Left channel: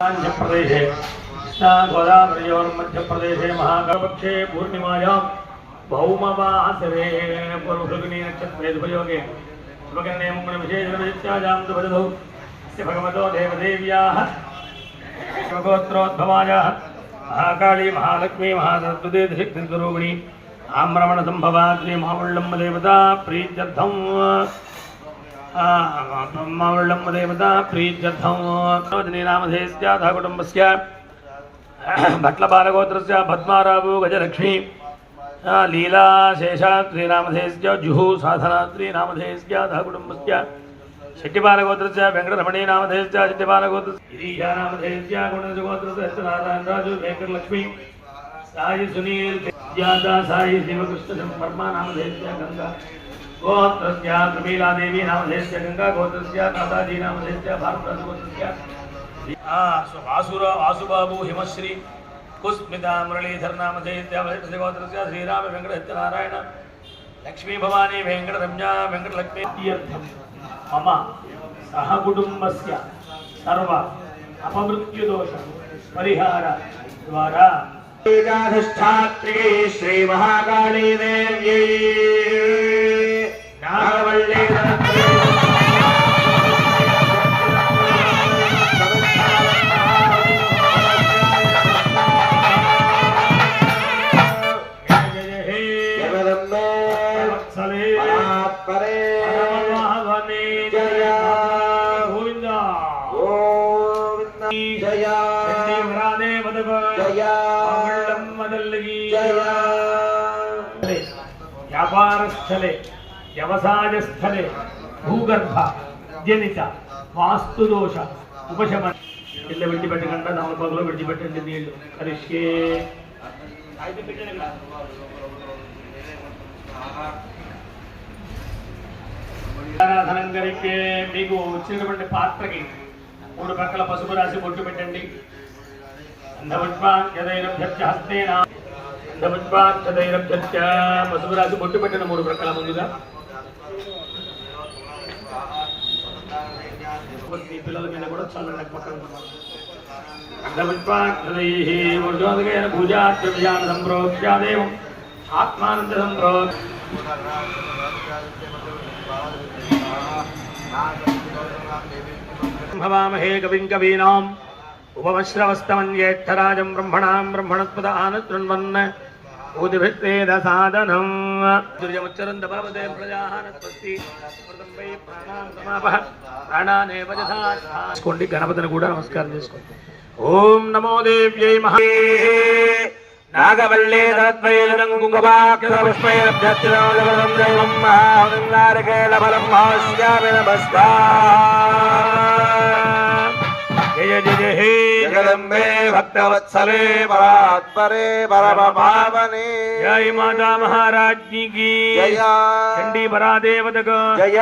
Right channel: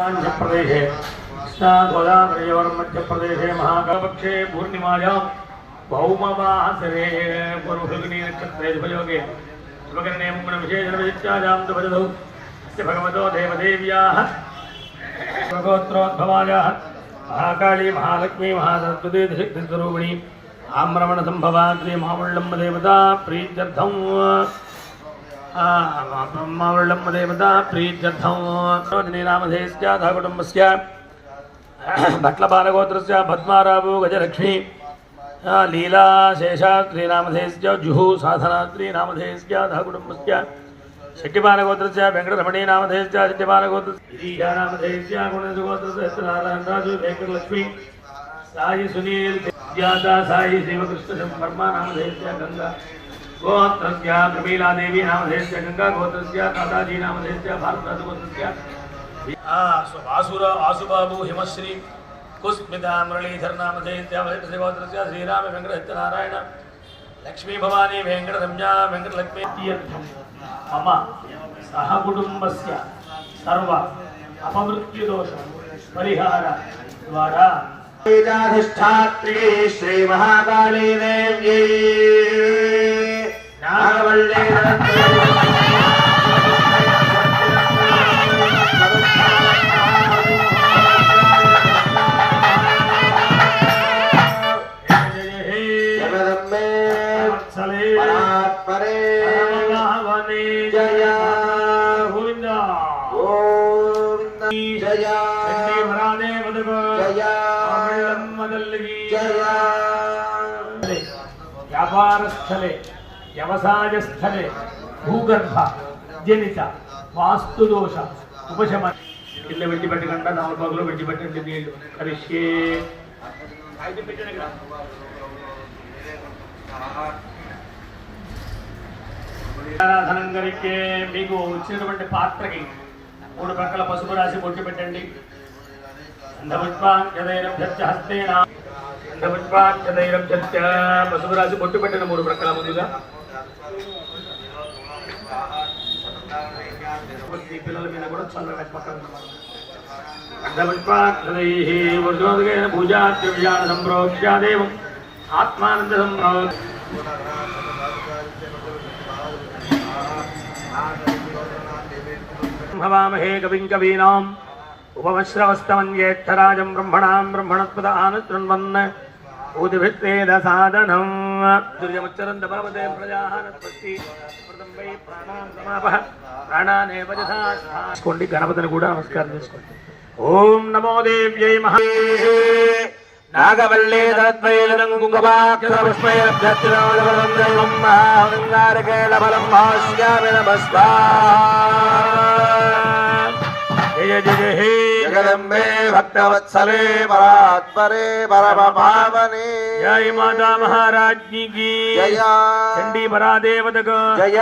प्रदेशे कृष्णागोदावरीयोर्मध्यप्रदेशे महाकल्पक्षे पूर्णिमायां भौमवासरे पूर्वफल्गुनी नक्षत्रे शुभयोगे शुभकरणे मङ्गलविशेषणविशिष्टायां सुभदौ भगवतो देवदेव्याः गोत्रोद्भवायाः महाकाली महालक्ष्मी महासरस्वती सिद्धिस्वरूपिणी आम्रमणसम्भवाद्रि महावल्लम्ब देवता प्रीत्यर्थं ब्रह्मवल्लम्ब देवता प्रीत्यर्थं नामधेयस्यातः कुटुम्बस्य भट्लपालगोत्रस्य पद्मारावो गजलक्ष्मी लीला शेषाद्रिनामधेयस्य जुहू साधनाद्रिनामधेयस्यातः कुटुम्बस्य शेट्टिपालगोत्रस्य वेङ्कटरमणी नामधेयस्य शेट्टिपालगोत्रस्य गिरीशानामधेयस्य गुणजगोत्रस्य नारायणराजु वेङ्कटलक्ष्मी साई सुनील ज्ञाता साई शिवकृष्ण वर्मा नामधेयस्य गंगा गोत्रस्य प्रमीला देवी नामधेयस्य गंगा गोत्रस्य काताजी नामधेयस्य भारत गोत्रस्य वासुबाबू हिमश्री कुस्मिता मुरलीधर नामधेयस्य गोत्रस्य श्रीराम वेंकट नारायण लक्ष्मी भवानी वेंकट रम्या वेंकट लक्ष्मी तीर्थम मम सहकुटुंबस्य सर्व अपमृत्युदोष परिहार द्वारा अधिष्ठात्री श्री महाकाली देवी नागवल्ली व्यापारस्थले व्यवसायस्थले भूगर्भ जनित वास्तुदोष उपशमन इल्ल विडिपेट्टकंड नालु भागंलो विडिपेट्टंడి నీళ్ళు కరిష్యే ఆరాధనం కరికే మీకు వచ్చినటువంటి పాత్రకి మూడు పక్కల పసుపు రాసి బొట్టు పెట్టండి అంధపుష్పాంజదైరభ్యహస్తేన పసుపు రాసి బొట్టు పెట్టిన మూడు ప్రక్కల ముందుగా పిల్లల మీద కూడా చల్లడం పూజాదేవం ఆత్మానంద సంభవామహే కవిం కవీనాం ఉపమశ్రవస్తమన్యేత్తరాజం బ్రహ్మణాం బ్రహ్మణస్పద ఆనశృణ్వన్ ఊదిభిత్తేద సాధనం దుర్యముచ్చరం దభావతే ప్రజాహానస్పతి వై ప్రాణాం సమాపః ప్రాణానేవ యథా చేసుకోండి. గణపతిని కూడా నమస్కారం చేసుకోండి. ఓం నమో దేవ్యై మహా నాగవల్లే తద్వైలం కుంకుమాక్షరపుష్పైరభ్యత్తిరవలవందనం మహాంగారకేళఫలం మహాస్యామినమస్వా जगदम्बे भक्तवत्सले परात्परे परमपावने जय माता महाराज्ञी की जय चंडी परादेवतक जय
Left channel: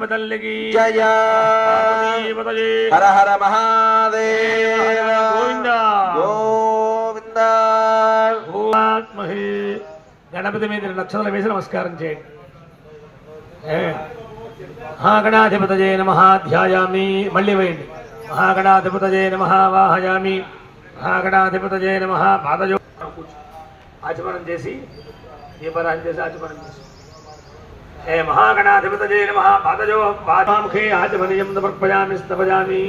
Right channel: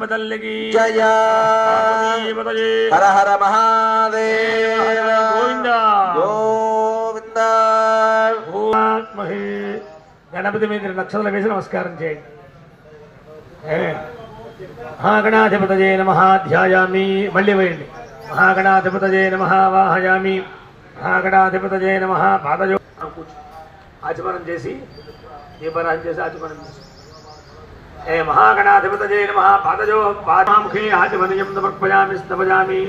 बदल की जय हर हर महादेव गोविंद गोविंद महे गणपति में लक्षण वेसी नमस्कारं చేయండి. महागणाधिपतये नमः ध्यायामि मल्ली వేయండి. महागणाधिपतये नमः वाहयामि महागणाधिपतये नमः पादयो आचमनं చేసి దీపారాధన చేసి ఆచమనం చేసి हे महागणाधिपतये नमः पादयो పాదముఖే ఆచమనయం సమర్పయామి స్తవయామి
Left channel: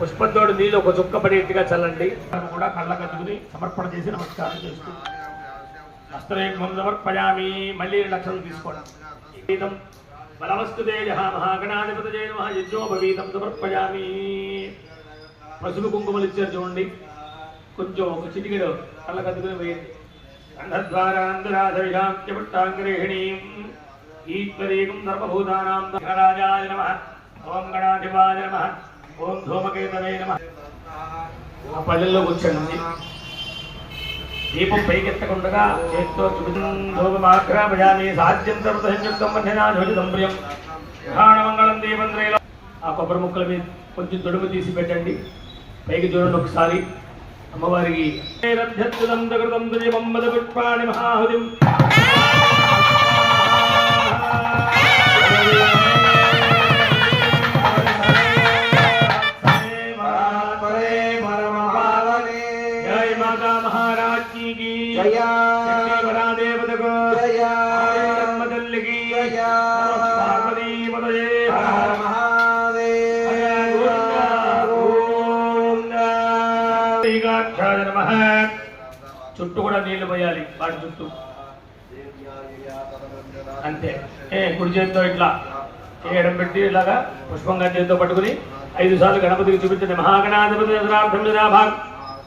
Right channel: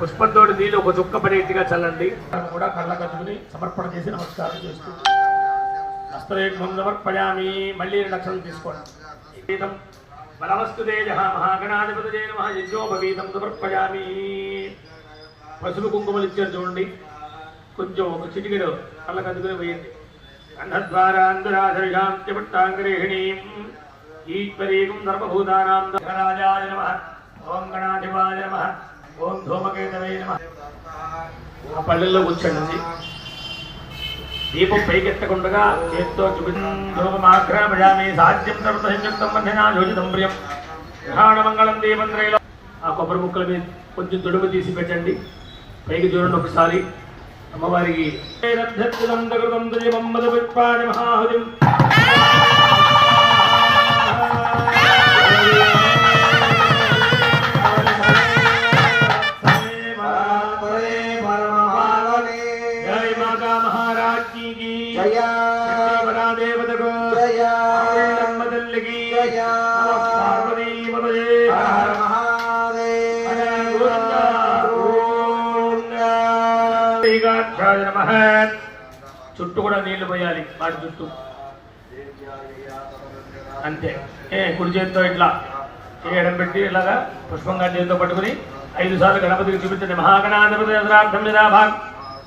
పుష్పంతోటి నీళ్ళు ఒక చుక్క పడేట్టుగా చల్లండి. కూడా కళ్ళ కట్టుకుని సమర్పణ చేసి నమస్కారం చేసుకోండి. వస్త్రేకం సమర్పయామి మళ్ళీ లక్షలు తీసుకోండి. బలవస్తు తేజ మహాగణాధిపతయే నమః యజ్ఞోపవీతం సమర్పయామి. పసుపు కుంకుమలు ఇచ్చారు చూడండి, కొంచెం ఒక చిటికెడు కళ్ళ కదుకుని వేయండి. అంధద్వారాంధరాధరిషాంత్యపట్టాంగ్రేహిణీం ఈశ్వరీకం సర్వభూతానాం రాజాయ నమః ఓం గణాధిపాయ నమః ఓం ధూమకేతవే నమః. పల్లెల్లో కూర్చోండి. దీపం పైకెత్తకుండా చేత్తో చూపించోగమాగ్రామయామి సాధ్యం సర్వసంయుక్తం మధ్యనా యోజితం ప్రియం గ్రహాణమంగళం దీపం త్రైల. ఆ కొబ్బరి ముక్కల మీద కొంచెం తొడుగు తీసి పెట్టండి. పైకి చూడండి ఒకసారి అమ్మవారికి. మహాహుదిం జయ దేవతకు జయ అమ్మ తల్లికి జయ పార్వతీ పదయే చుట్టూ కూడా నీళ్లు పోయాలి వాటి చుట్టూ అంతే. కుడి చేతితో ఇట్లా చేయడం పెట్టి ఇలాగా పుష్పంగా చేతితో పట్టుకుని 5 సార్లు గణపతికి చూపించండి. మహాగణాధిపతి అర్థం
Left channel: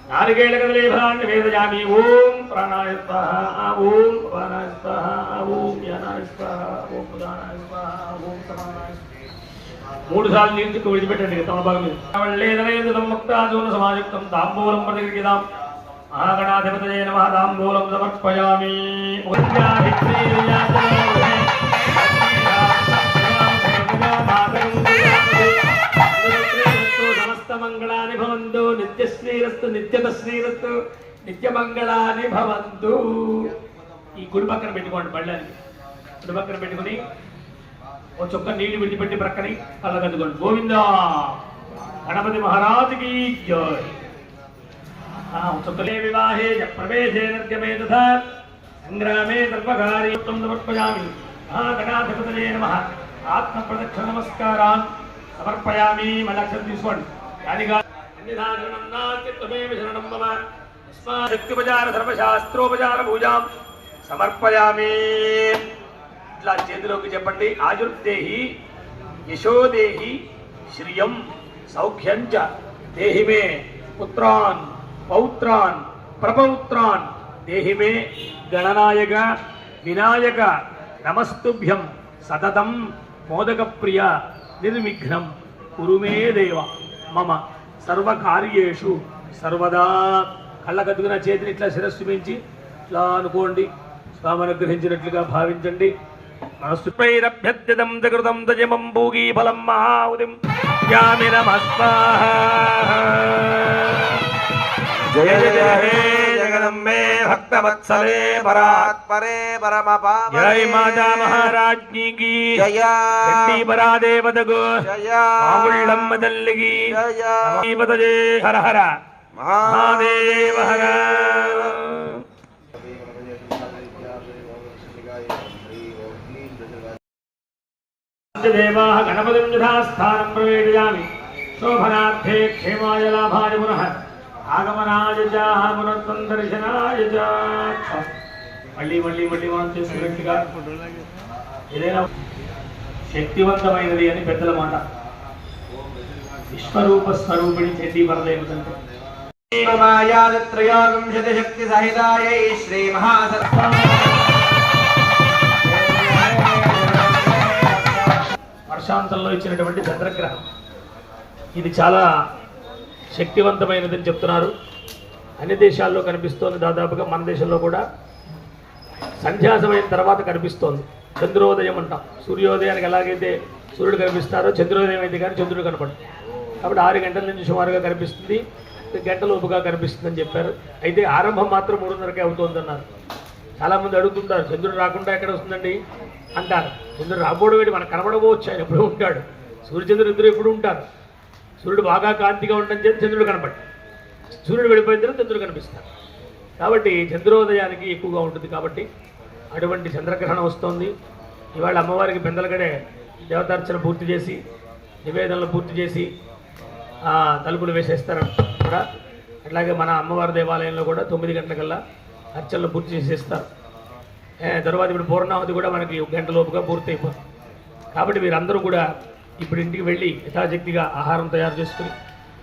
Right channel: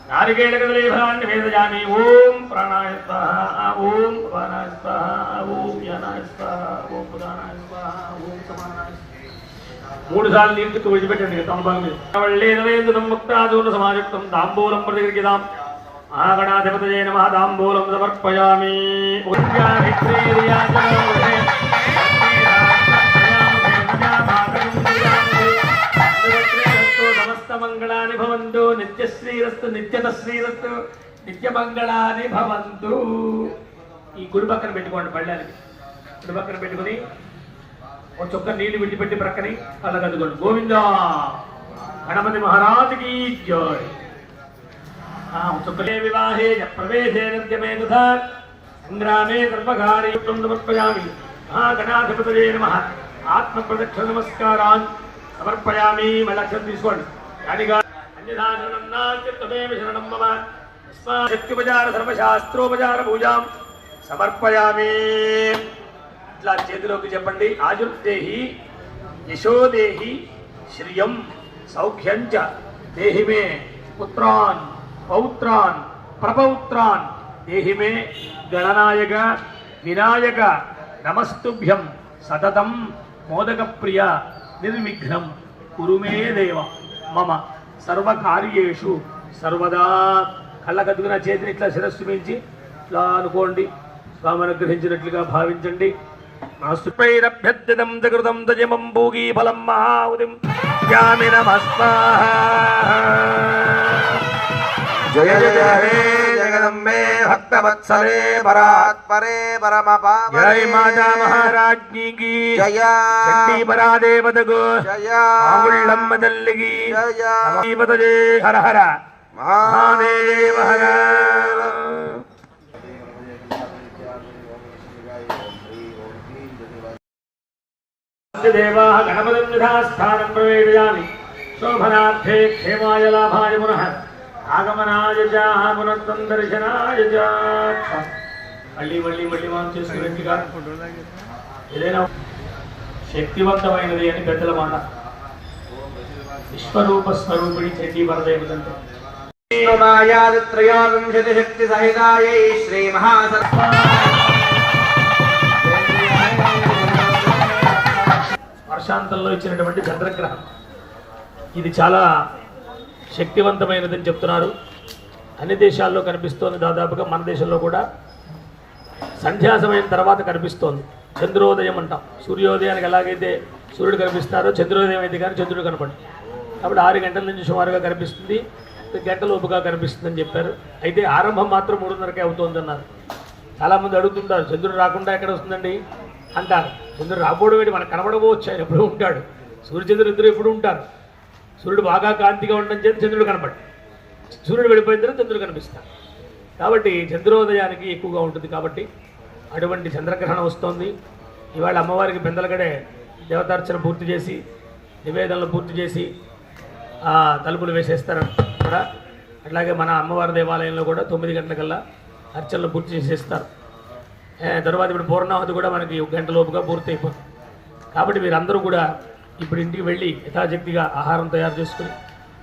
నారికేళ కదలీఫలాన్ని వేదయామి. ఓం ప్రాణాయ స్వాహ, ఓం ప్రాణాయ స్వాహ, ఓం యానాయ స్వాహ, ఓం ప్రధానాయ స్వాహ, ఓం సమానాయ స్వాహ. 3 సార్లు నీళ్ళు చుట్టూ విడిచిపెట్టండి. తమ ముక్తాదూర్ణ సమాయుక్తం తాంబూలం ప్రతిగృహ్యతాం. మహాగణాధిపతయే నమః. తాంబూలం సమర్పయామి. సమస్త మంగళాని భవంతు. నిత్యశ్రీరస్తు నిత్యతశ్రీరస్తు నిత్యమంగళాని భవంతు. ఈ గుడి పక్కన పెట్టుకోండి. పళ్ళానికి గుడి పక్కన పెట్టుకుని ఒక చుక్క నీళ్లు విడిచిపెట్టి ప్రక్కని కళ్ళగద్దుకోండి. గోవిందా గణపతి మహారాజుకి జై. చుక్కలే వివాహే ప్రవేశే నిర్గమే తథా సంగ్రామే సర్వకార్యం సమర్పయామి. మహాగణాధిపతయే నమః. ఆత్మ ప్రదక్షిణ నమస్కారాన్ సమర్పయామి. మళ్ళీ అక్షరం తీసుకోండి. యాదిగా అన్యదాశరణం నాస్తిత్వమేవ శరణం మమ. శక్తిపచార సర్వశాస్త్రోపచార పూజాం సమర్పయామి. ఇట్లా చేతిలోకి చెప్పండి. ఆయుర్దేహి యశోదేహి శ్రియం సౌఖ్యం చ దేహి మే పుత్రాన్ పౌత్రాన్ ప్రభౌత్రాన్ దేహి మే గణనాయక వినాయక నమస్తుభ్యం సతతం మోదక ప్రియ నిర్విఘ్నం కురు మే దేవ మమ సర్వకార్యేషు సర్వదా. కళ్ళకద్దుకున్న చేతిని ఇట్లా శిరస్సు పెంచి ఇట్లా అనుకోండి. స్వామి అనుగ్రహించినట్లుగా భావించండి. నాస్తుపైరభ్యర్థితం జగృతం తజమం భూగీ ఫలం మహాఉదిం యామి నమః. జయ జయ హే జగదంబే భక్తవత్సలే పరాత్పరే పరమపావనే. జై మాతా మహారాజ్ఞి కీ జయ. చండీ పరాదేవతకు జయ. మాగుళ్ళమ్మ తల్లికి జయ. శ్రీపతయే. హర హర మహాదేవ హర. దేవాః గణపతిం యథాస్థానం ప్రవేశయామి. శోభనార్థే క్షేమాయ లాభాయ పునః ఆగమనాయ చ పునఃసందర్శనాయ చ. మళ్ళీ మళ్ళీ మళ్ళీ మనం చేసుకున్నట్టుగా ఏదైనా శక్తివంతమైనది అని పెద్దల మాట. విశ్వరూప స్వరూపిణి చండీ పరదేవతంతో శక్తి సహితాయ శ్రీ మహాసత్వ. వర్షాంతంలో ఇచ్చినటువంటి చంద్రగ్రహం ఇది చాలా శక్తివంతమైనదని చెప్తున్నారు. అన్ని దేశాల్లో కనిపిస్తోంది. దాదాపుగా మన దేశంలో కూడా సంధ్యా సమయం తర్వాత కనిపిస్తోంది. చంద్రోదయం అంటాం. సూర్యోదయానికి ఎలాగైతే సూర్యుడు కనిపిస్తారో చంద్రోదయం అయితే కానీ చంద్రుడు కనపడు. కాబట్టి 6 గంటల నుంచి సుమారుగా కనిపిస్తుంది. గంటలోపుగా కనిపిస్తుందని చెప్పారు. అయితే ఆరంభం మాత్రం 3:30కే అవుతుందన్నారు. చాలామంది అడుగుతుంటారు, చంద్రుడు రాకుండా ఎక్కడ వస్తుందండి అంటారు. చంద్రుడు రాబోడు వేడి మనకు కనబడవచ్చు. ఆయన ఎప్పుడు ఉంటాడు. సూర్యచంద్రుడు ఇద్దరు ఎప్పుడు ఉంటారు. సూర్యుడు బాగా కాంతిగా ఉండడం చేత చంద్రుడు కనపడు. సూర్యుడు వెళ్ళిపోయిన తర్వాత చంద్రుడు కనిపిస్తాడు. కాబట్టి చంద్రోదయానికి ఎక్కువగా ఉంటుంది. కాబట్టి అటువంటి చంద్రగ్రహణం వస్తోంది. ఇవాళ అమ్మవారికి పెందలగడే దేవతార్చన పూర్తి చేసి నివేదనలు పూర్తి చేసి తలుపులు వేసేస్తారని కూడా. అట్లాగే మన అమ్మవారి దేవాలయంలో కూడా 9 గంటలకల్లా అర్చనలు పూర్తి చేసేస్తారు. తర్వాత ఇప్పుడు పూర్ణావతి కూడా మనకి 1 గంట లోపుగా పూర్తి అయిపోతుంది. కాబట్టి మీరందరూ కూడా ఇప్పుడు ఇంటికి వెళ్ళి యథాశక్తిగా ఆహారం తయారు చేసుకుని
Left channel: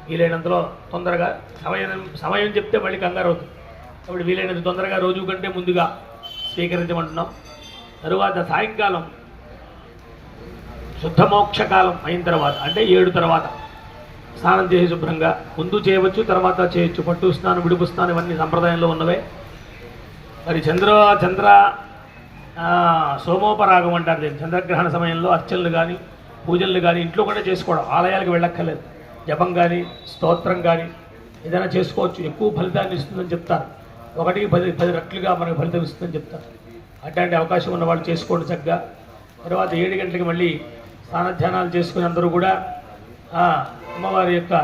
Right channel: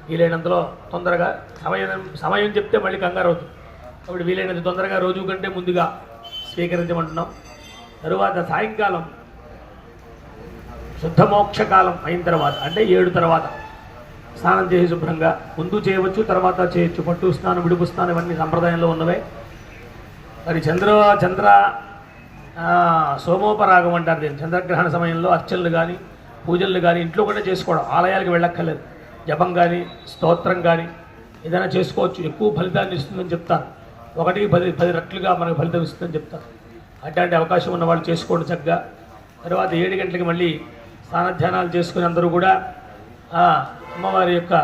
వీలైనంతలో తొందరగా సమయం చెప్తే మళ్ళీ కంగారు అవుతుంది. కాబట్టి వీలైనంత తొందరగా రోజు కంటే ముందుగా స్వీకరించమంటున్నాం. తరువాత సాయంకాలం శుద్ధమోక్షకాలం అయిన తర్వాత అంటే 7 తర్వాత స్నానం చేసి శుభ్రంగా ముందు చేయవచ్చు, తర్వాత చేయొచ్చు. పట్టు స్నానం, విడుపు స్నానం ఇవన్నీ సంప్రదాయంలో ఉన్నవే. మరి చంద్ర సోమోపరాగం అంటారు దీన్ని. చంద్రగ్రహణ సమయంలో అర్చనలు కానీ పూజలు కానీ ఇంట్లో కూడా చేసుకోవడం, ఆలయాలకు వెళ్ళక్కర్లేదు. జపం కానీ స్తోత్రం కానీ ఏదైనా చేసుకోవచ్చు. ఎక్కువ ఫలితాన్ని ఇస్తుందని చెప్తారు. 1కి 10 రెట్లుగా మనకు ఫలితం ఇస్తుందని చెప్తారు. అట్లాంటి అవకాశం ఉన్న వాళ్ళు చేసుకోండి చక్కగా. తర్వాత 7 గంటలకి మళ్ళీ స్నానధ్యానాలు చేసుకుని అందరూ కూడా అమ్మవారి యొక్క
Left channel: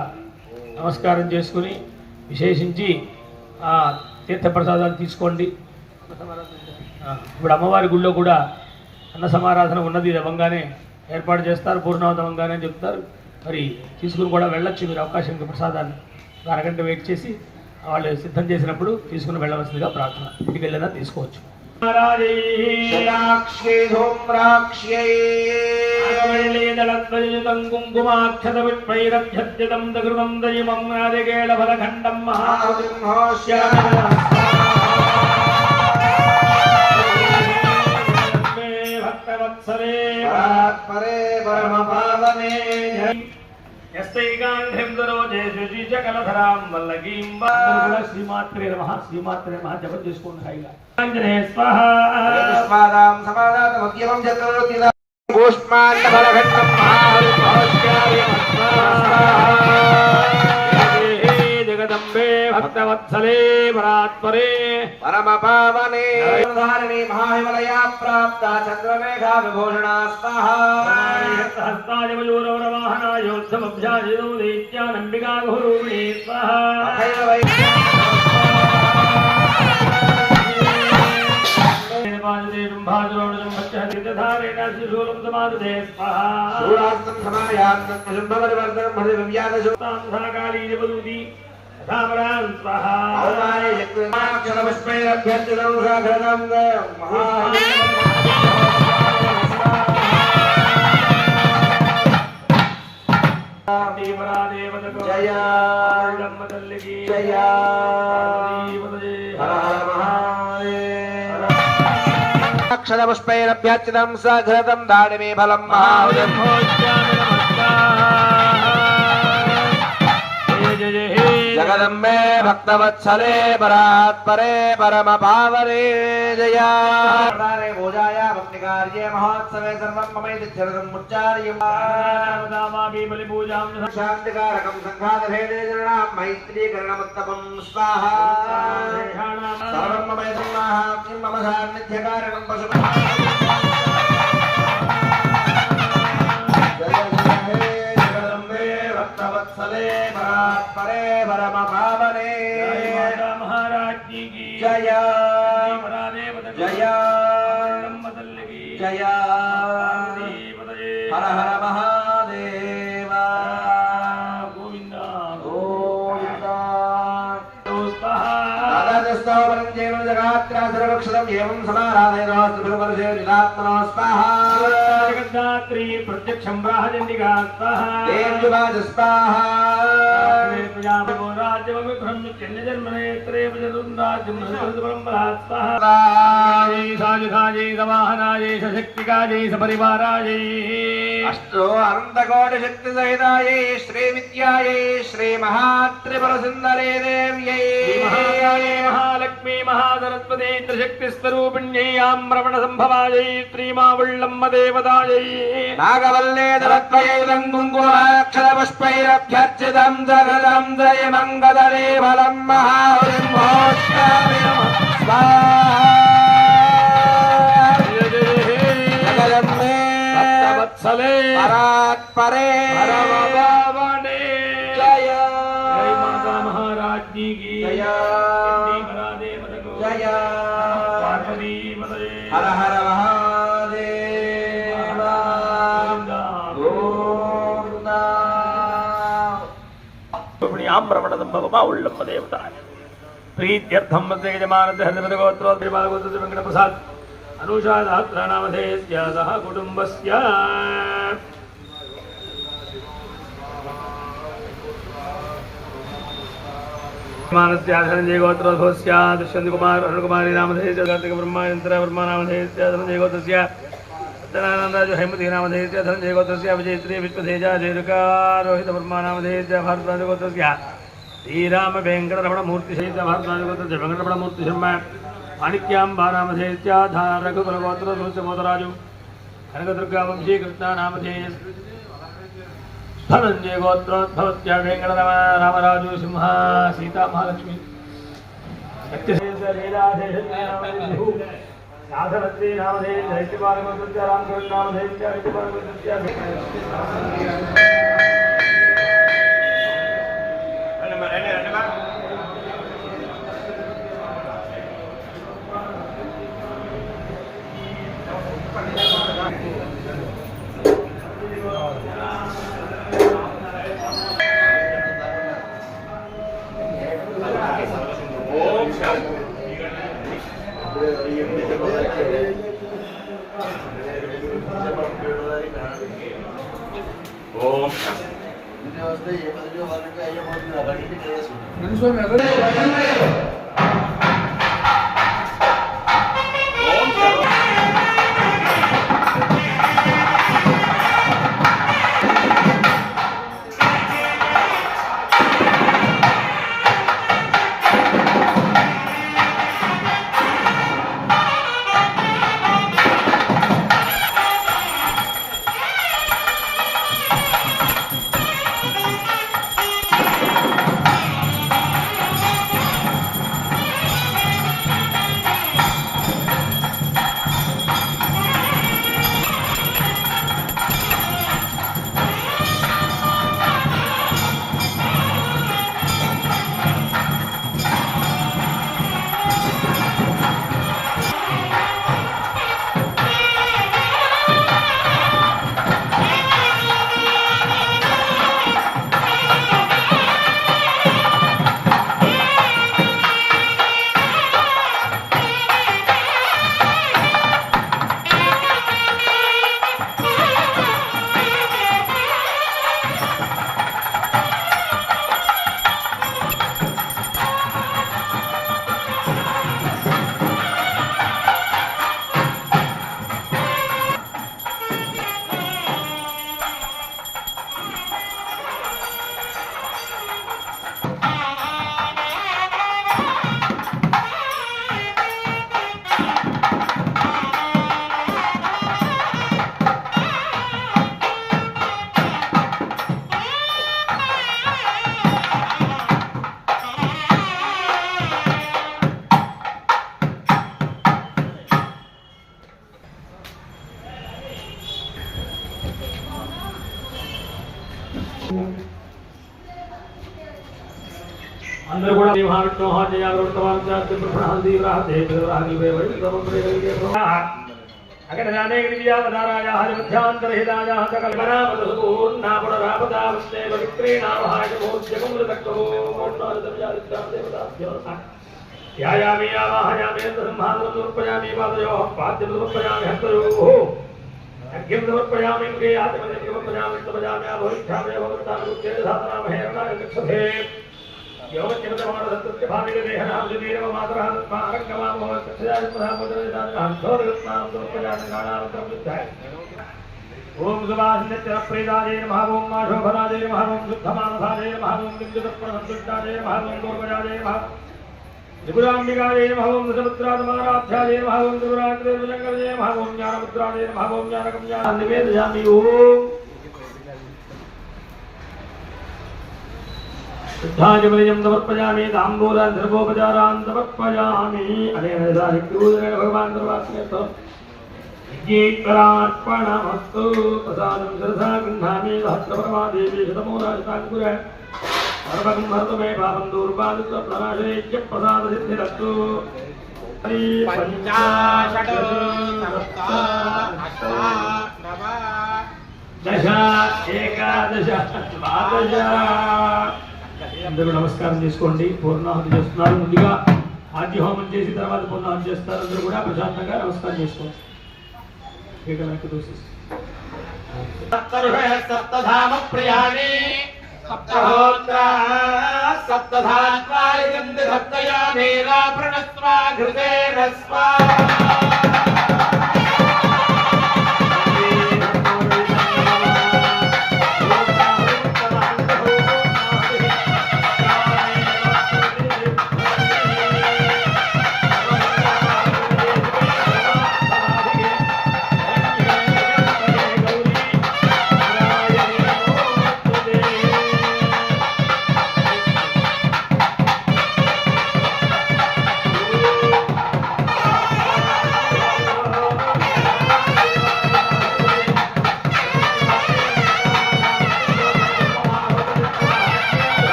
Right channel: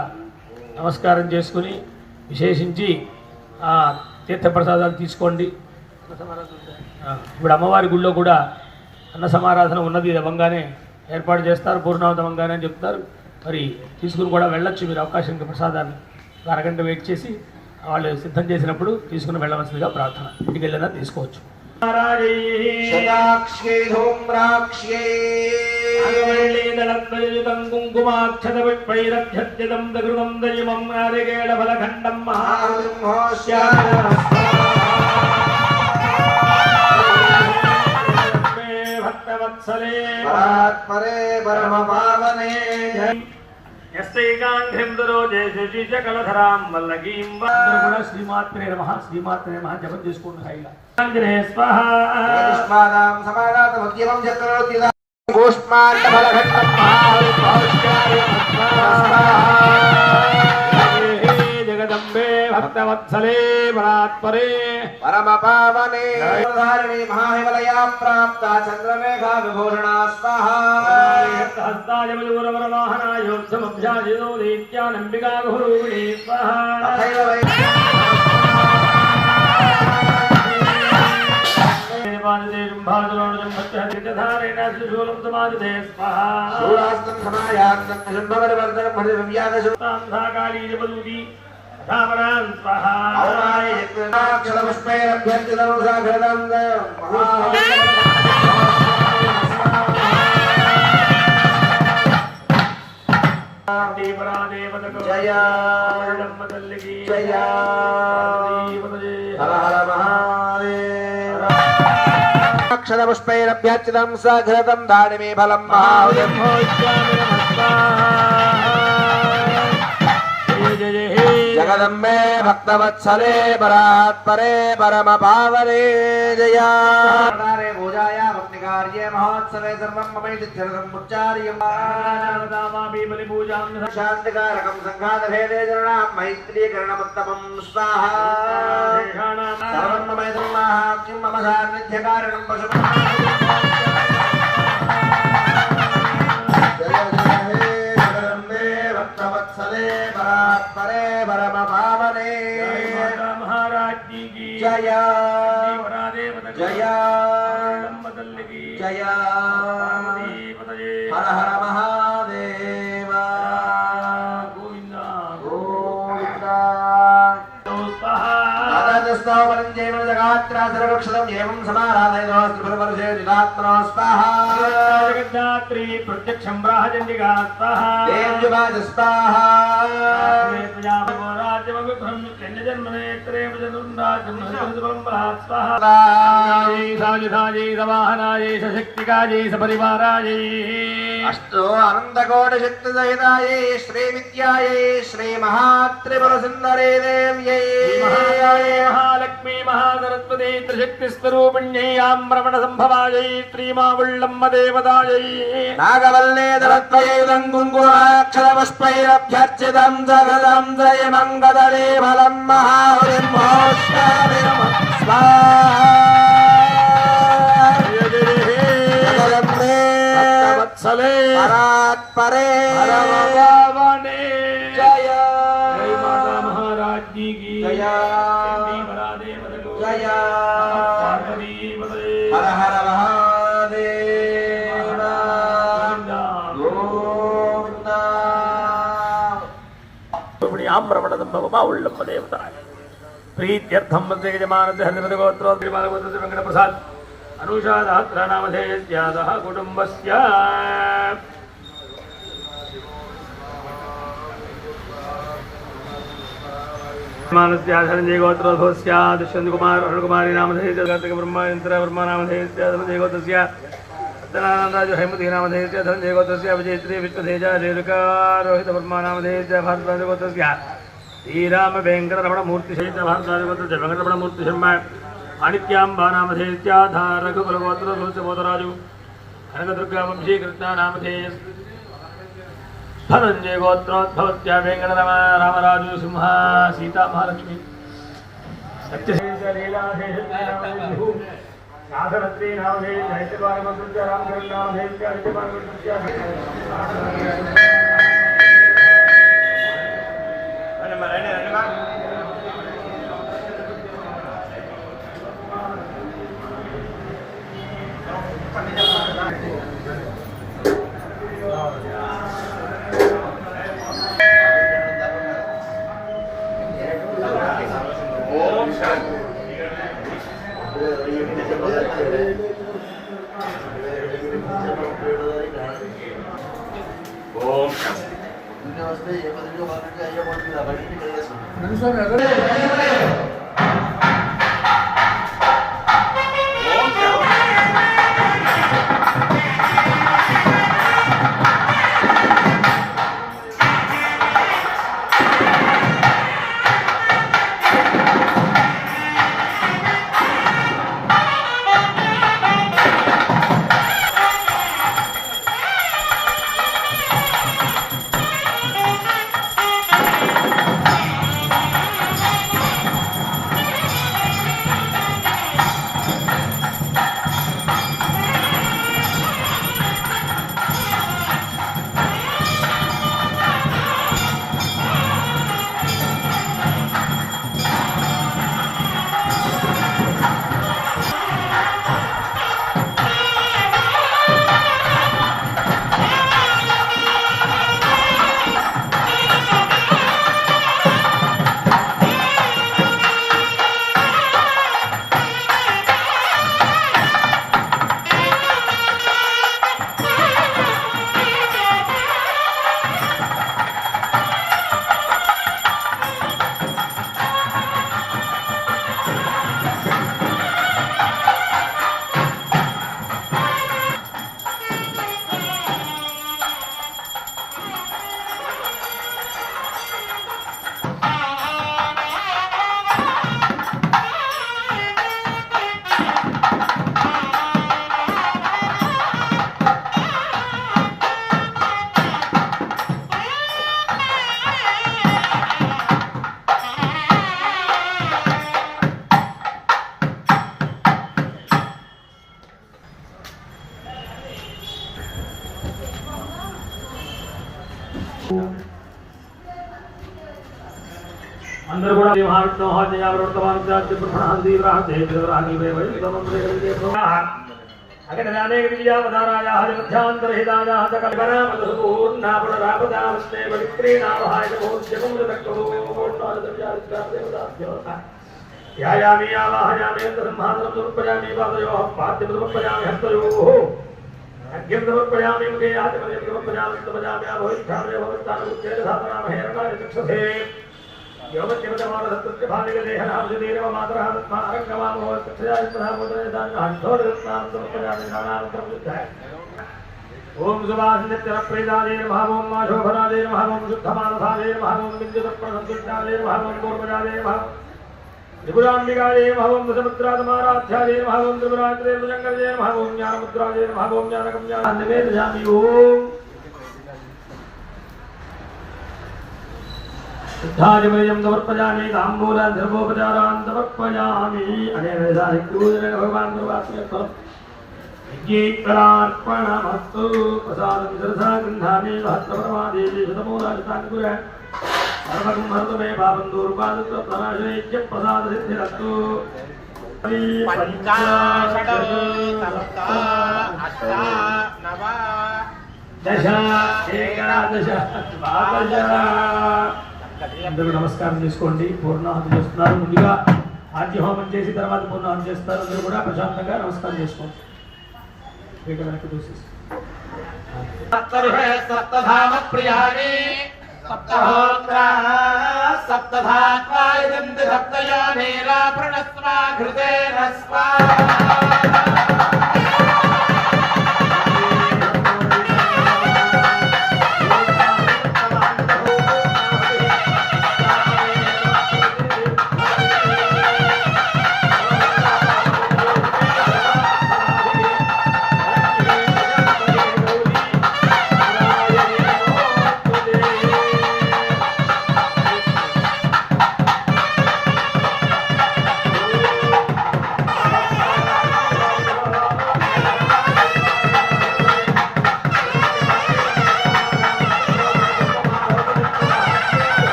నమస్కారం చేసుకుని విశేషించి తీర్థప్రసాదాలు తీసుకోండి. ఇప్పుడు అమ్మవారి గుళ్ళో కూడా అన్న సమారాధన ఉన్నది, ఇది అవ్వంగానే ఏర్పాటు చేస్తారు, పూర్ణావతి అవ్వంగానే అని చెప్తారు. మరి తీసుకుని కూడా వెళ్ళొచ్చు మీరు, అవకాశం ఇంకా ప్రసాదాన్ని అరగంట వెయిట్ చేసి వాళ్ళు సిద్ధం చేసినప్పుడు తీసుకుని వెళ్ళవలసిందిగా ప్రార్థన. ఇంటికి వెళ్ళినా తీసుకోవచ్చు. కుంకుమాక్షతవిపైరభ్యర్థితం దృతం దైవం నారికేళ ఫలఖండం భక్తవత్సలే పరే పరమ పావనే కూడా శ్రీమాత్రే నమః శ్రీమాత్రే నమః జపం చేసుకోండి. సాయిగా ఆంజనేయ స్వాహ జగదంబే భక్తవత్సలే పరాత్పరే పరమ పావనే మహాహిమలయ ప్రాప్త చంద్రరేఖా విభూషణ స్వాహా హస్తాయ మయూరవరవాహనాయోత్సమభ్యాజిదో దైత్యానంబికా గురుణే స్వాహా జయ జయ హర హర మహాదేవ అక్షరపుష్పైరభ్యర్చితం సఘృతం దాడిమే ఫలం జగదంబే భక్తవత్సలే పరాత్పరే పరమ పావనే జయ పూజాయ భక్తికార్యే మహోత్సవే సర్వం మమైత్యర్యం శాంతికారకం సంఘాతభేదే జనాః మైత్రీకరణముత్తమం స్వాహా సర్వం మమైత్రం మహాత్మ్యం మమ సాన్నిధ్యకారణం పశుపతి భక్తవత్సలే పరాత్పరే పరమ పావనే మహారాజ్ఞి జయ జయ జయ హర హర మహాదేవ గోవింద గోవింద జగద్ధాత్రి ప్రత్యక్షం బ్రాహచండికా శక్తికాజై సపరివారాజై అష్టో అనంతకోటి శక్తి సహితాయై శ్రీ విద్యాయై శ్రీ మహాత్రిపుర సుందరే దేవ్యై మహాలక్ష్మీ మహాసరస్వతీ త్రిశక్తి స్వరూపిణ్యై ఆమ్రమణ సంభవాయై శ్రీమావుళ్ళమ్మ దేవతాయై నాగవల్లే దళత్వైదం కుంకుమాక్షర పుష్పైరభ్యర్చితం జగదం జయ మంగళరే ఫలం మహాబ్రహ్మోత్సవే వత్సలే పరాత్పరే పరమపావనే జయ జయ మాతా మహారాజ్ఞి కీ జయ పరాదేవతకు జయ పార్వతీ పతయే హర హర మహాదేవ గోవింద ఆమ్రమణ సంభవమా ఉళ్ళమ్మ దేవత ప్రీత్యర్థం వందే యజమానస్య హరిమదగోత్రోద్రి బాలగోత్ర వెంకట ప్రసాద్ అనుషాదాత్రనామధేయస్య సహ కుటుంబస్య యజమానస్య ధనంజయ గోత్రోద్భవస్య దుష్యంత్ కుమార్ అరుణకుమారి నామధేయస్య కార్తిక బ్రహ్మయంత్ర బ్రహ్మనామధేయస్య ధనంజయ గోత్రస్య సత్యనారాయణరాజు హైమతి నామధేయస్య ధనంజయ గోత్రస్య విజయశ్రీ విశ్వతేజ రేణుకా రోహిత బ్రహ్మనామధేయస్య భారద్వాజ గోత్రస్య శ్రీరామ వెంకటరమణ మూర్తి సహిత భారద్వాజ గోత్రస్య వెంకటరమణ మూర్తి శర్మ మాణిక్యాంబా నామధేయస్య ధారకుల గోత్రోద్భవరాజు కనకదుర్గా వంశీ కృష్ణ నామధేయ ధనంజయ గోత్రోద్భవత్య వెంకటరమ రామరాజు సింహ సీతా మహాలక్ష్మి నాథరత్రీ నామధేయ హైత్యపాలగోత్రస్య రామకృష్ణ నామధేయస్య హైత్యపాలగోత్రస్య ఓం అందరూ కూడా అక్కడ అనేక విజయావతారాయ మధ్యాంతరహితాయ కల్పనాపూర్ణాపురాపదావస్తే పవిత్రేణావహాయ ధ్యాయామి ఆవాహయామి సంహాదనం సమర్పయామి పాదయోః పాద్యం సమర్పయామి హస్తయోః అర్ఘ్యం సమర్పయామి ముఖే ఆచమనం సమర్పయామి సమర్పయామి అభవిష్యామి భగవత్తానుత్తేన సాధనామహే రకాయ చక్షుషే ఓం సుభాషిణప్రేదాయ నమః ఓం మాశోభనాయ నమః ఓం శుద్ధమానసాయ నమః ఓం నిత్యతత్పరసంతుష్టాయ నమః ఓం పూర్వజాయ నమః త్రిపురాంబికాయ నమః ఓం దశముద్రాధమారాధ్యాయ నమః ఓం త్రిపురాగ్రే భుజంగజయ నమః ఓం జ్ఞానముద్రాయ నమః ఓం జ్ఞానగమ్యాన్నివేదయామి ఓం शुद्धादिमयं समर्पयामि ताम्बूलान् सर्वोपचारान् समर्पयामि अनेन पूजनेन भगवान् सर्वात्मेत्वं यज्ञेश्वरार्पणमस्तु प्रसादं शिरसा गृह्णामि सहस्रप्रभादेवी शतमूलाशताङ्कुर सर्वगं हरतु मे पापं दूर्वादत्व प्रणाशयज्ञ प्रसादसिद्धिरस्तु दश एकादश द्वादश అందరూ నమస్కారం చేసుకోండి. పూర్ణాహుతి చేస్తున్నారు. ముందుగా ఆజ్ఞ హోమం చేసి తర్వాత పూర్ణాహుతి చేస్తారు. అందరూ కూడా ప్రశాంతంగా నమస్కారం చేసుకోండి. సప్తధామ ప్రియాణి సప్తహోత్ర సప్తధాత్వాయ సప్తయామే ప్రణస్వా హృదే రస్వా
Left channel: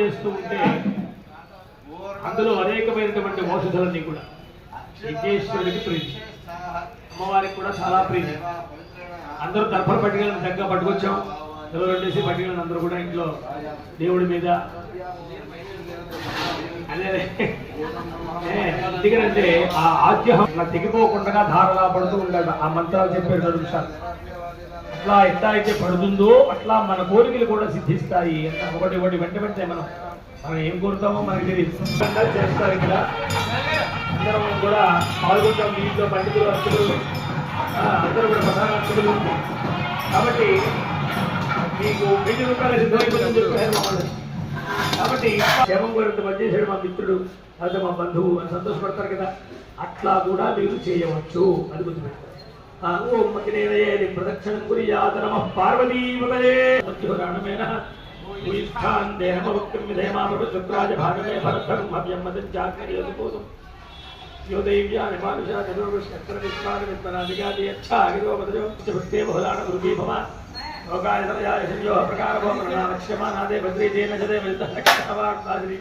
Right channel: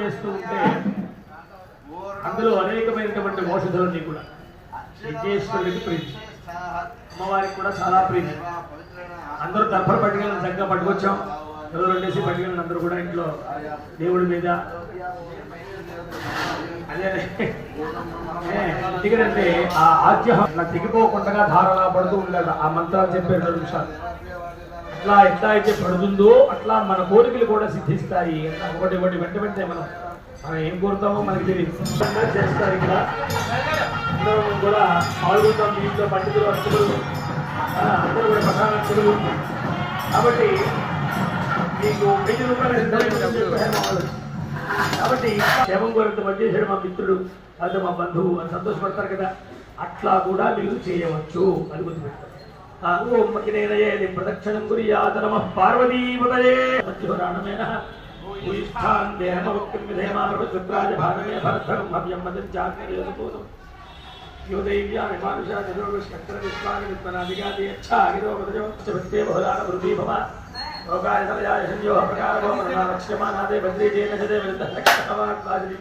చేస్తూ ఉంటే అందులో అనేకమైనటువంటి ఔషధాలన్నీ కూడా విఘ్నేశ్వరుడికి ప్రీతి, అమ్మవారికి కూడా చాలా ప్రీతి. అందరూ తర్పణ పట్టుకెళ్ళి చక్కగా పట్టుకొచ్చాం. ఎవరు రెండేసి పట్టుకెళ్ళిన అందరూ కూడా ఇంట్లో దేవుడి మీద అదే ఎందుకంటే ఆ ఆద్యహం ఇలా తెగిపోకుండా ధారలా పడుతూ ఉంటాడు. ఆ మంత్రాలు చెప్పారు 2 నిమిషాలు. అట్లా ఎట్లా అయితే పడుతుందో అట్లా మన కోరికలు కూడా సిద్ధిస్తాయి. ఒకటి వెంటనే మనం ఏం కోరుతామో మనకి తెలియదు. చేస్తారు ఇక్కడ అందరం కూడా పాల్గొంటాం. మీ ఇంట్లో పండితులు అర్చకులు అందరూ కూడా ప్రధాన అర్చకులు కాబట్టి మీకు 1000 రూపాయలు సిద్ధం చెప్పారు. కాబట్టి క్షేమం కొరకు పనిచేసాడు మా మిత్రుడు లేదా మా బంధువు అని సంతోషపడతారు కదా, అట్లా కూడా మీరు చేయవచ్చు. అది గుర్తుపెట్టుకోండి. ప్రదక్షిణం గురి యాదనమ పార్వతీపతయే మధ్యోరాణమేన భూయిష్ఠాన్ దేహమవక్తం విధేమామృత శుక్రాజ భాగమే భరతం భవ్యం మదం చాకర్యోదపోదం యోదైవ్యాని మానుషా చతుర్విష్ణక్ర విశ్వాని విద్మనాదిగాది యచ్ఛాగిరోపదజో భక్తే బహుళాన వృద్ధి భవ లోకాయ సమయాయ సంయోహ ప్రకారభోమనాలక్ష్యమానాదే భద్రీజేన చదే విరుద్ధవాడ్బాదిరి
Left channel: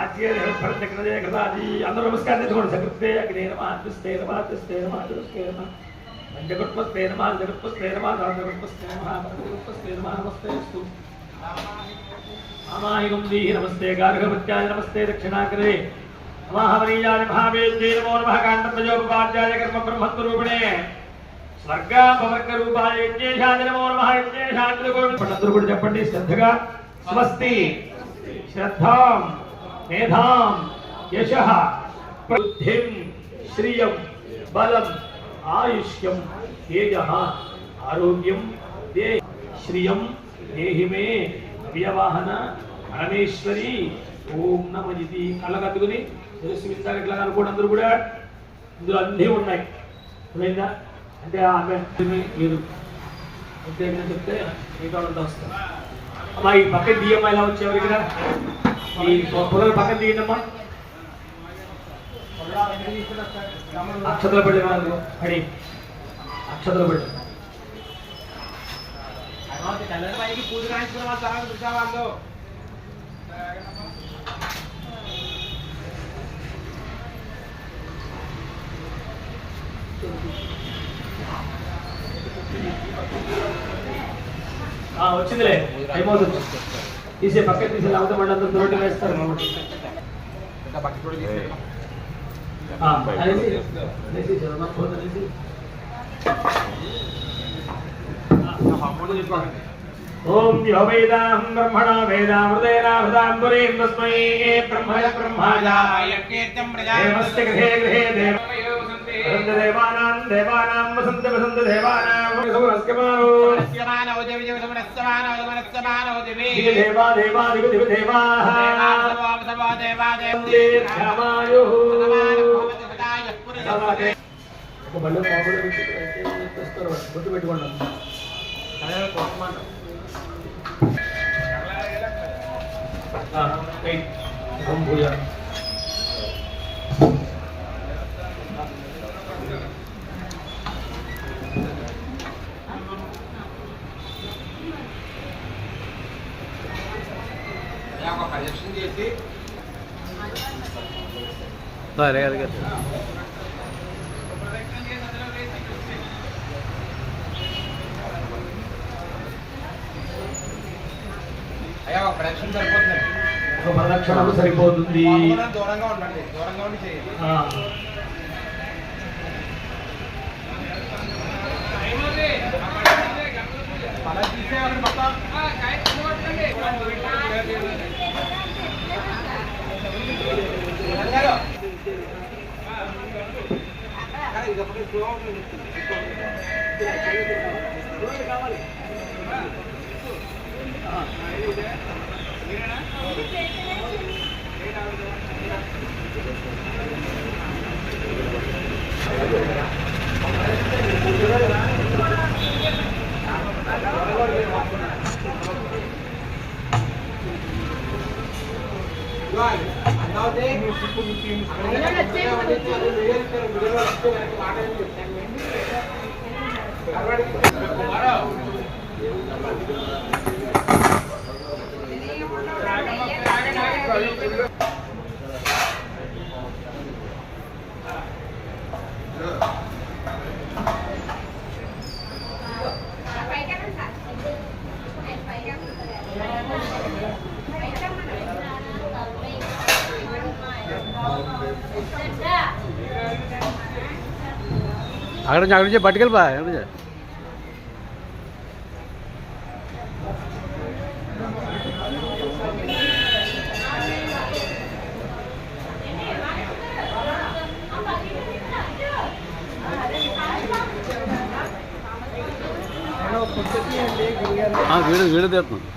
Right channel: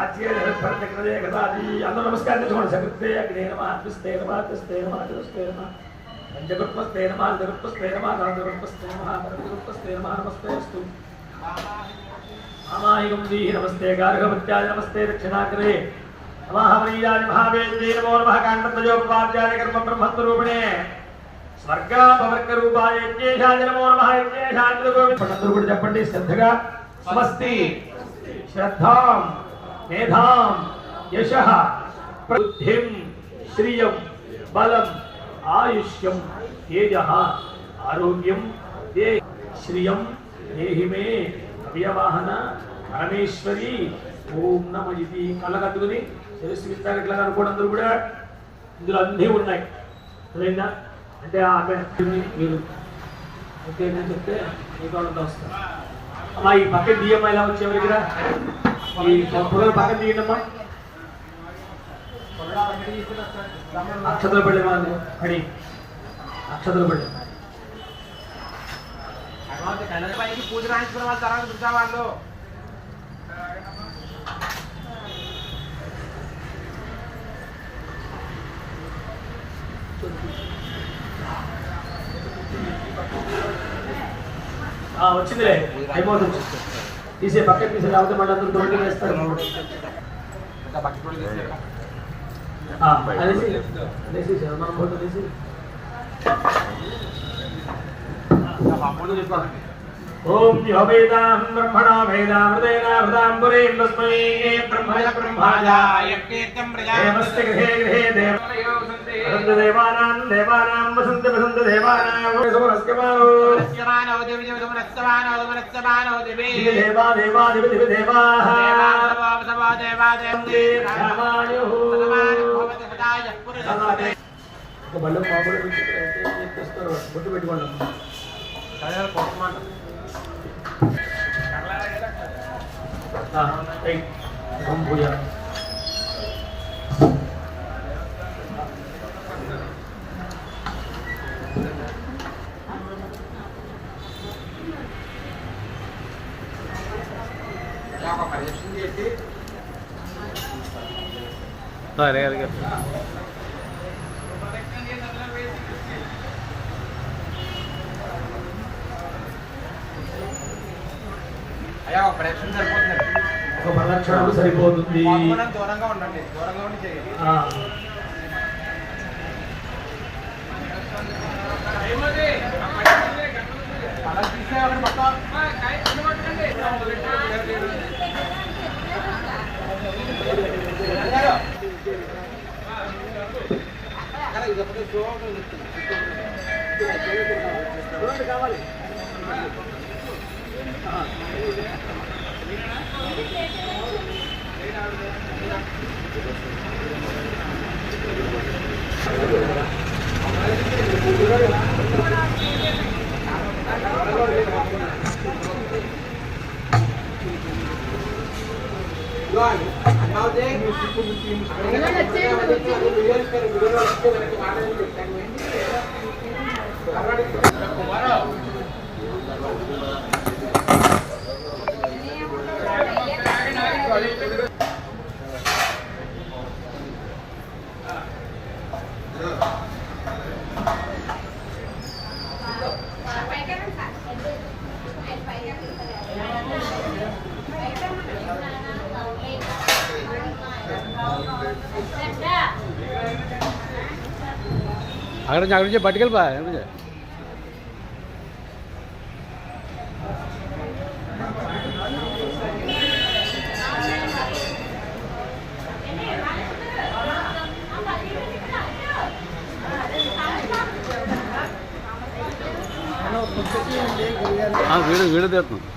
ఆచ్యేదే గదాది అందరూ నమస్కారం చేసుకోండి. సకృత్తే అగ్నే నమః అద్విస్తే నమః అద్విస్తే నమః అద్విస్తే నమః పంచగుప్తస్తే నమః జగుప్తస్తే నమః రాజగుప్తస్తే నమః రాజగుప్తస్తే నమః నమస్తేస్తు అమాహిగం దీహి నమస్తే గార్హవత్యాయ నమస్తే దక్షిణాగ్రే నమః వనీయాయ మహావేద్యే నమో నమః కాండతజోపపాద్యాయ కర్మ బ్రహ్మత్వరూపిణే స్వర్గాపవర్గ రూపాయ యజ్ఞేశాయ నమో నమః యజ్ఞేశాయ అందరూ కూడా చెప్పండి శ్రద్ధగా. స్వస్తి శ్రద్ధాం మేధాం యశః బుద్ధిం శ్రియం బలం ఆయుష్యం తేజః ఆరోగ్యం దే శ్రియం దేహి మే అవ్యవాహన పరమేశ్వరి ఓం నమ ఇది కళ్ళకద్దుకుని శిరస్సు విందాగట్లా అనుకోండి. అందరూ కూడా ఇందులో అన్నీ ఉన్నాయి. లేదా అంటే ఆమె మీరు ఓకే చెప్తే మీకు అంతా వస్తారు. అమ్మా ఈ పక్కన తీయమ్మా, ఎలా వచ్చే ఎవరి దగ్గర ఈ పొగలు పక్కన తీయండమ్మా. అక్షతలు పడి వాళ్ళు పడి అక్షతలు పడి పూజ రాయించుకున్న వాళ్ళు తర్వాత పిలిచా వాళ్ళు వచ్చిందిలే అయిపోతుంది. తీసే పక్కన తీసే లేకపోతే మళ్ళీ అందరూ దొరికి వేస్తారు. ఓం యో వేదాం బ్రహ్మణో వేదామృతేన హృదాంబురేణ తస్మై బ్రహ్మయ బ్రహ్మాయ దేవస్య గృహే గృహే దేవానాం దేవానాం వసంత వసంత దేవానాం సమరస్యమానో దేవి దేవ సమరస్యమానో సమరస్యమానో దేవి దేవా దేవా దేవి దేవి దేవాః దేవా దేవా దేవి ధర్మాయో ఒక బల్లం మాబుడు పెట్టి చేస్తారు. బొట్టు పెట్టుకోండి. ఓం భూయ పరిరక్షణ చేసి అయ్యా ఒక ప్రదక్షిణ సరిపోతుంది. ఒక ప్రదక్షిణకు సరిపోతుంది. దూరంగా ఉండండి, దూరంగా ఉండి చేయండి. అలా తీసేయాలని మొత్తం కావాలి. అక్కడ నుంచి పట్టుకెళ్ళిపా ఎక్కడ వీడియో తీస్తున్నాం.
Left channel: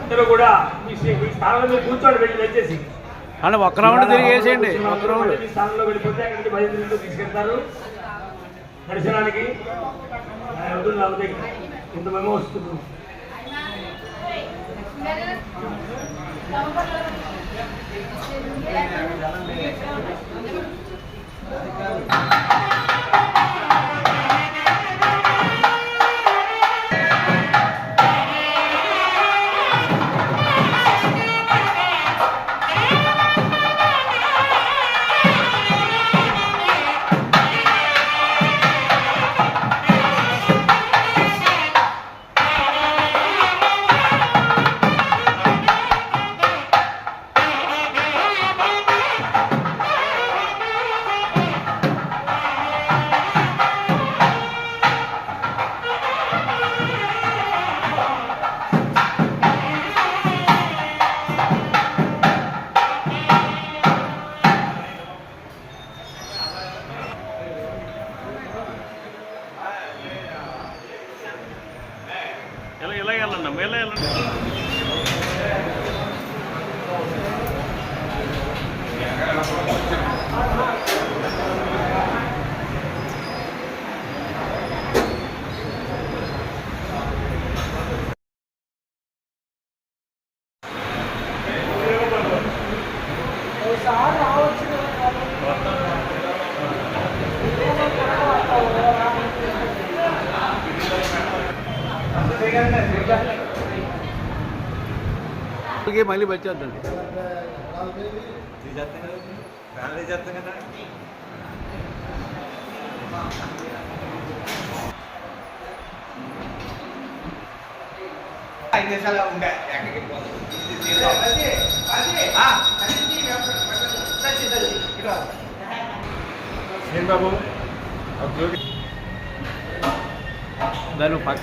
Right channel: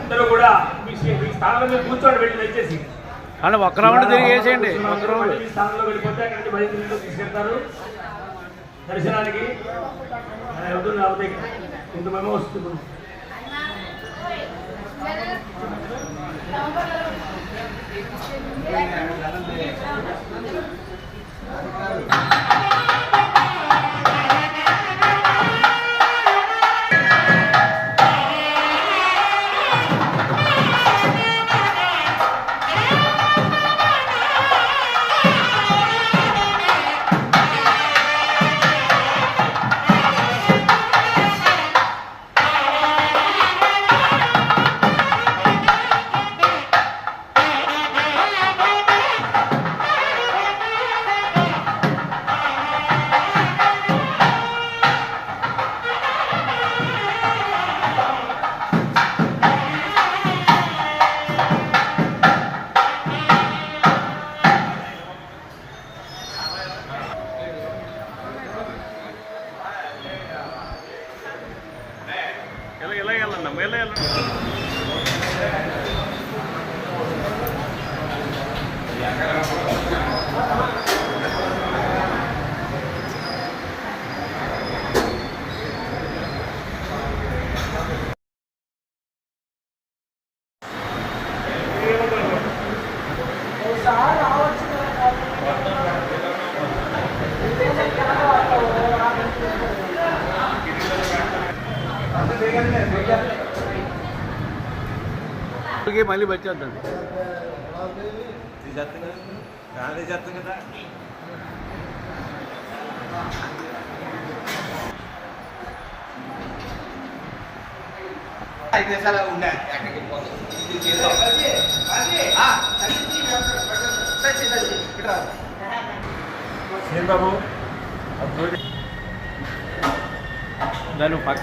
అందరూ కూడా మీ స్థానంలో మీరు కూర్చోండి, వెళ్ళి దయచేసి అంటే ఒక్క రౌండ్ తిరిగి వేసేయండి. ఒక్క రౌండ్ మీ స్థానంలో వెళ్ళిపోతే అక్కడి నుంచి 10 నిమిషాలు తీసుకెళ్తారు దర్శనానికి. అవుతుంది కాబట్టి ఇంత మేము వస్తున్నాం. మళ్ళీ వచ్చేద్దండి. దాని పక్క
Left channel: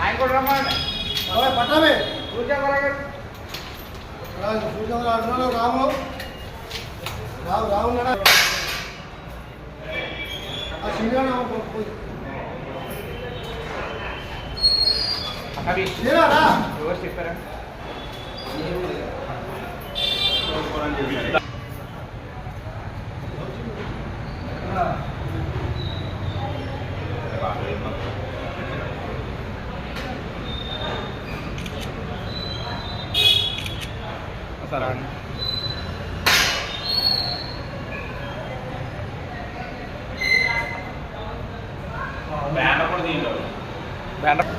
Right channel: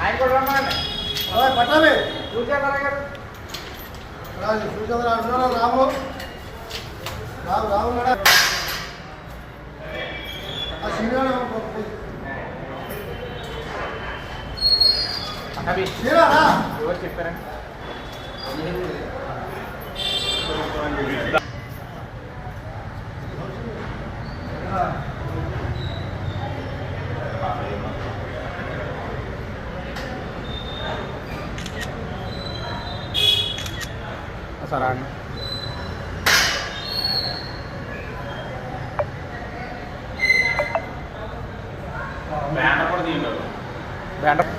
ఆయన కూడా రమ్మని పట్టాలి సూర్యకరావు రాము రాము శ్రీరారా చెప్పారా బ్యాండ్ కూడా తీయండి.